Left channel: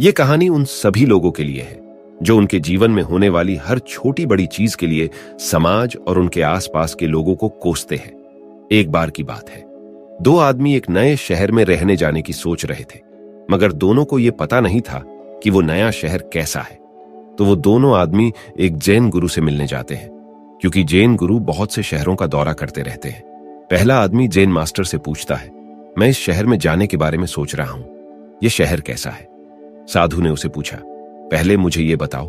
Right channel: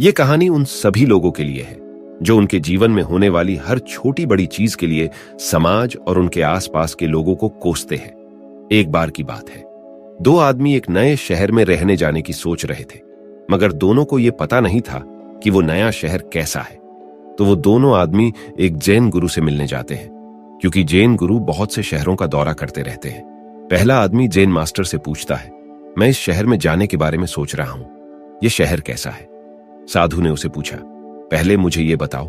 ये कहानी उन सभी लोगों के लिए है जो उनके जीवन में होने वाली हर छोटी बड़ी चीज के लिए समाज और उनके आसपास के लोगों को कोसते हैं। एक बार की बात है, दो आदमी एक नए शहर में रहने जाने की सोच रहे थे, मगर दोनों को यह पता नहीं था कि वो नया शहर कैसा है। तो वो दोनों आदमी एक जैन गुरु से मिलने जाते हैं, क्योंकि जैन गुरु बहुत से शहरों का दौरा करते रहते हैं। पहला आदमी जैन मास्टर से पूछता है, मैं इस शहर में जाने के बारे में सोच रहा हूं, यह शहर कैसा है? साधु ने उसे पूछा, पहले मुझे यह बताओ,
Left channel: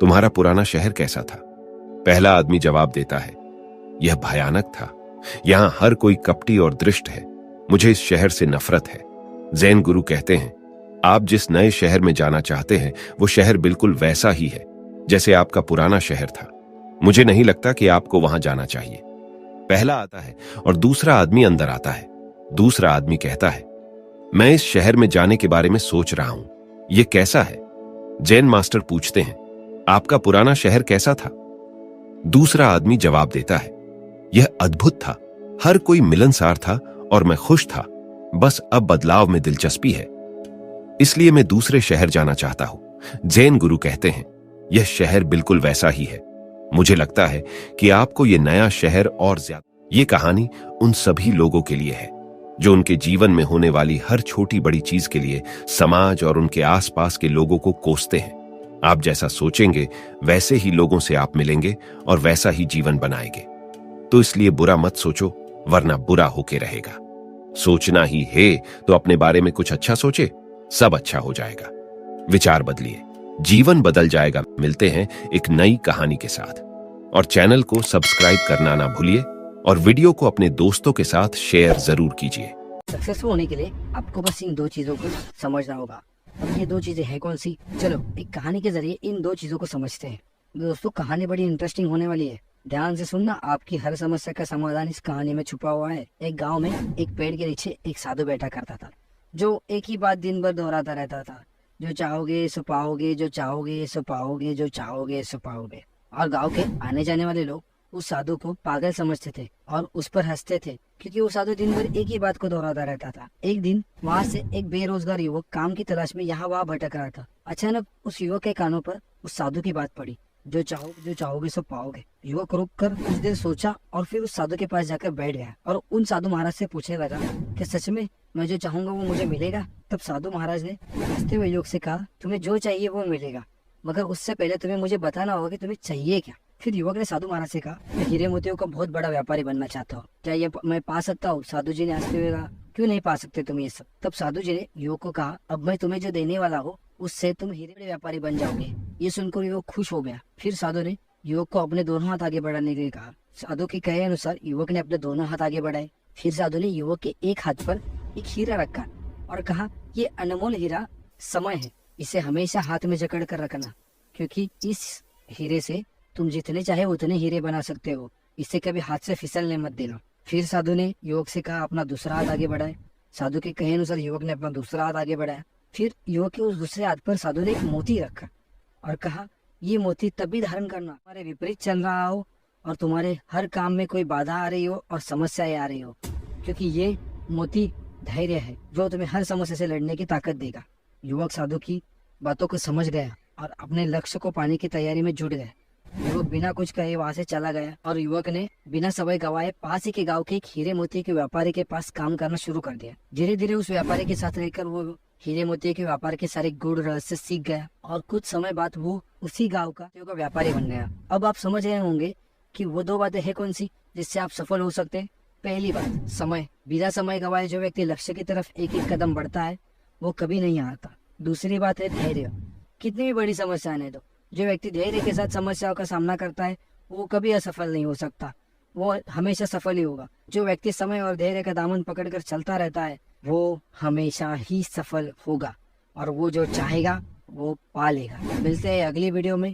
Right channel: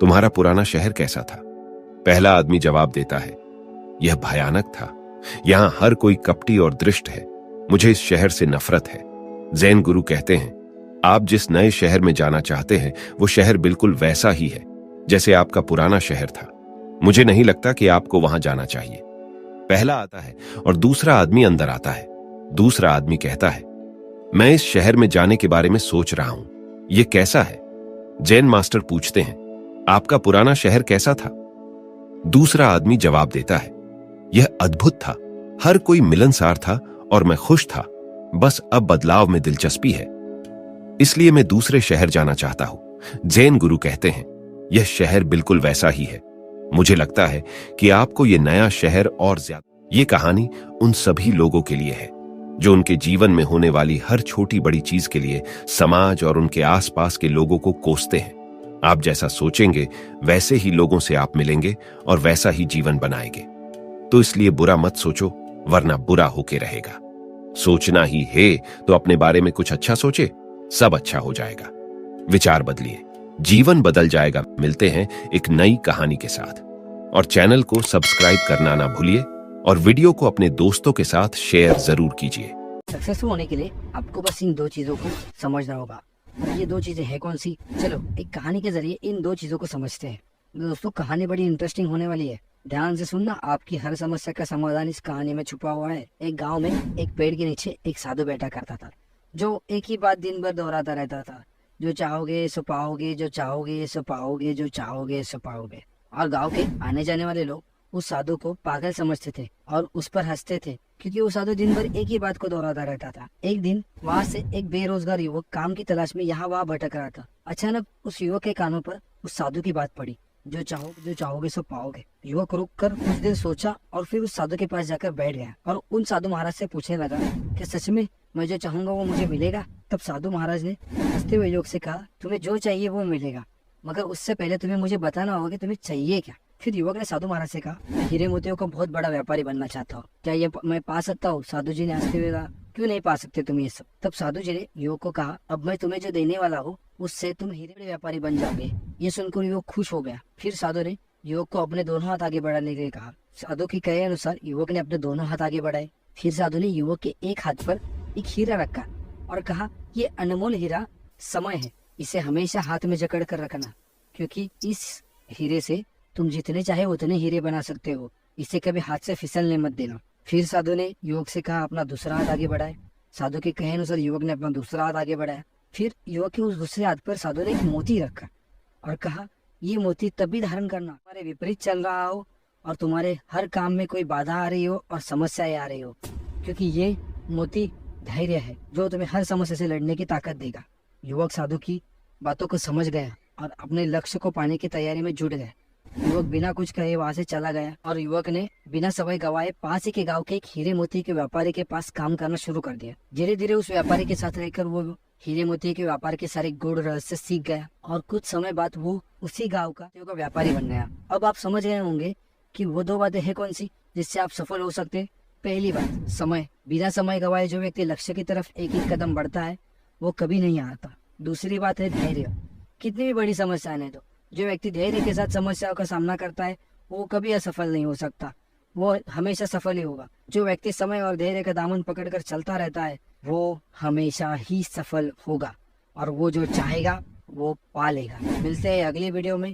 तुम्हारा पुराना शहर कैसा था? पहला आदमी जवाब देता है, यह भयानक था, यहां हर कोई कपटी और दृष्ट है, मुझे इस शहर से नफरत है। जैन गुरु कहते हैं, आप जिस नए शहर में जाना चाहते हैं वो शहर बिल्कुल वैसा ही है जैसे आपका पुराना शहर था, मुझे नहीं लगता कि आपको वहां जाना चाहिए। पहला आता है और दूसरा आदमी अंदर आता है। दूसरा आदमी कहता है, मैं इस शहर में जाने के बारे में सोच रहा हूं, यह कैसा है? जैन मास्टर पूछते हैं, आपका पुराना शहर कैसा था? दूसरा आदमी जवाब देता है, यह अद्भुत था, हर कोई मिलनसार था और मैं खुश था, बस अब बदलाव में दिलचस्पी है, इसलिए मैं दूसरे शहर जाना चाहता हूं। जैन गुरु कहते हैं, यह शहर बिल्कुल वैसा ही है, मुझे लगता है कि आपको यह नया शहर और ज्यादा। ये कहानी उन सभी लोगों के लिए है जो उनके जीवन में होने वाली हर छोटी बड़ी चीज के लिए समाज और उनके आसपास के लोगों को कोसते हैं। आप जैसा सोचेंगे वैसे ही लोगों से आप मिलेंगे और वैसा ही जीवन बनाएंगे। तो इसलिए बुरा मत सोचो, वरना बुरा होके रहेगा। सोचना ही है तो अपने बारे में कुछ अच्छा सोचे, सब अच्छा हो जाएगा। विचार बदलिए, जीवन बदल जाएगा। मिलते हैं एक नई कहानी के साथ, और चैनल को सब्सक्राइब करना ना भूलिए और वीडियो को अपने दोस्तों के साथ शेयर जरूर कीजिए। सक्सेसफुल होने के लिए आपको बस इन दो चीजों को समझना होगा। ये दो चीजें हैं कौन सी? चलो एक कहानी के जरिए इन दो चीजों को समझते हैं। दोस्तों कहानी बड़ी इंटरेस्टिंग होने वाली है, ध्यान से सुनना। आपकी हर समस्या का समाधान इस कहानी में छुपा हुआ है। एक गांव में एक पेड़ के नीचे एक साधु बैठा करता था, जो एक ही बात दिन भर दोहराता रहता था, जो चाहोगे सो पाओगे, जो चाहोगे सो पाओगे, जो चाहोगे सो पाओगे। और गांव के आने जाने वाले लोग उस साधु को पागल समझते थे और उस पर हंसते थे, क्योंकि वो साधु दिन भर एक ही बात को दोहराता रहता था। एक दिन वहाँ से एक बेरोजगार युवक काम की तलाश में यहाँ वहाँ भटक रहा था। अचानक उस युवक के कानों पर उस साधु की बात पड़ी, जो चाहोगे सो पाओगे। युवक रुक कर कुछ देर सोचा और फिर उस साधु के पास जाकर बैठ गया और उन साधु महाराज से पूछने लगा कि सच में मैं जो चाहूंगा वो मुझे मिलेगा? तब साधु महाराज ने हंसते हुए युवक से कहा, तुम्हें जो चाहिए वो मिलेगा, मगर उससे पहले तुम्हें मुझे बताना होगा कि तुम्हें चाहिए क्या। फिर युवक ने साधु महाराज से कहा, मैं हीरे मोतियों का बहुत बड़ा व्यापारी बनना चाहता हूँ, क्या ये मैं पा सकता हूँ? साधु जी ने हंसते हुए कहा, क्यों नहीं पा सकते तुम ये सब? तब साधु जी ने युवक को कहा, अब मैं तुम्हें जो देने वाला हूँ उससे तुम हीरे बड़े व्यापारी बन जाओगे। ये सुनकर युवक खुश हो गया। फिर साधु ने युवक को अपने दोनों हाथ आगे बढ़ाने के लिए कहा। साधु के कहे अनुसार युवक ने अपने दोनों हाथ आगे बढ़ाए। फिर साधु ने युवक के एक हाथ पर एक हीरा रखा और कहा, ये अनमोल हीरा समय है, इसे हमेशा हाथ में जकड़ कर रखना, क्योंकि इस हीरे से तुम जितने चाहे उतने हीरे बना सकते हो, इसे कभी हाथ से फिसलने मत देना। फिर साधु ने युवक से कहा, अपना दूसरा हाथ आगे बढ़ाए। साधु के कहे अनुसार युवक ने अपना दूसरा हाथ आगे बढ़ाया। फिर युवक के उस दूसरे हाथ पर साधु ने एक मोती रखा और कहा, ये मोती तभी धारण करना तुम्हारे विपरीत चल रहा हो और तुम्हारे हर काम में कोई बाधा आ रही हो और समस्याएं आ रही हो, क्योंकि ये मोती धैर्य है जो तुम्हें हर समस्या से लड़ने की ताकत देगा। युवक साधु की बातों को समझ गया और अपने लक्ष्य को पाने की तैयारी में जुट गया। युवक बिना कुछ कहे वहां से चला गया और युवक ने बिना समय गवाए पास ही के गांव के एक हीरे मोती के व्यापारी के पास काम करना शुरू कर दिया। धीरे धीरे उस व्यापारी के साथ रहकर वो हीरे मोती के व्यापार के सारे गुण रहस्य सीख गया और कुछ समय बाद वो उसी गाँव का व्यापारी बन गया। अब आप समझ गए होंगे कि वो दो बातें है कौन सी जिससे आप सफल हो सकते हैं। पहली बात, समय। बिना समय गवाए जो व्यक्ति लक्ष्य की तरफ एक एक कदम बढ़ता है वो कभी नहीं हारता। दूसरी बात है धैर्य। कितनी भी बड़ी समस्या है तो जो व्यक्ति धैर्य के साथ समस्याओं का सामना करता है वो कभी असफल नहीं हो सकता, वो हमेशा सफल ही होगा। जो व्यक्ति समय और धैर्य का दामन पकड़कर चलता रहता है वो हमेशा ही सफल होगा और वो जो चाहेगा वो पा लेगा। मिलते हैं अगली वीडियो में।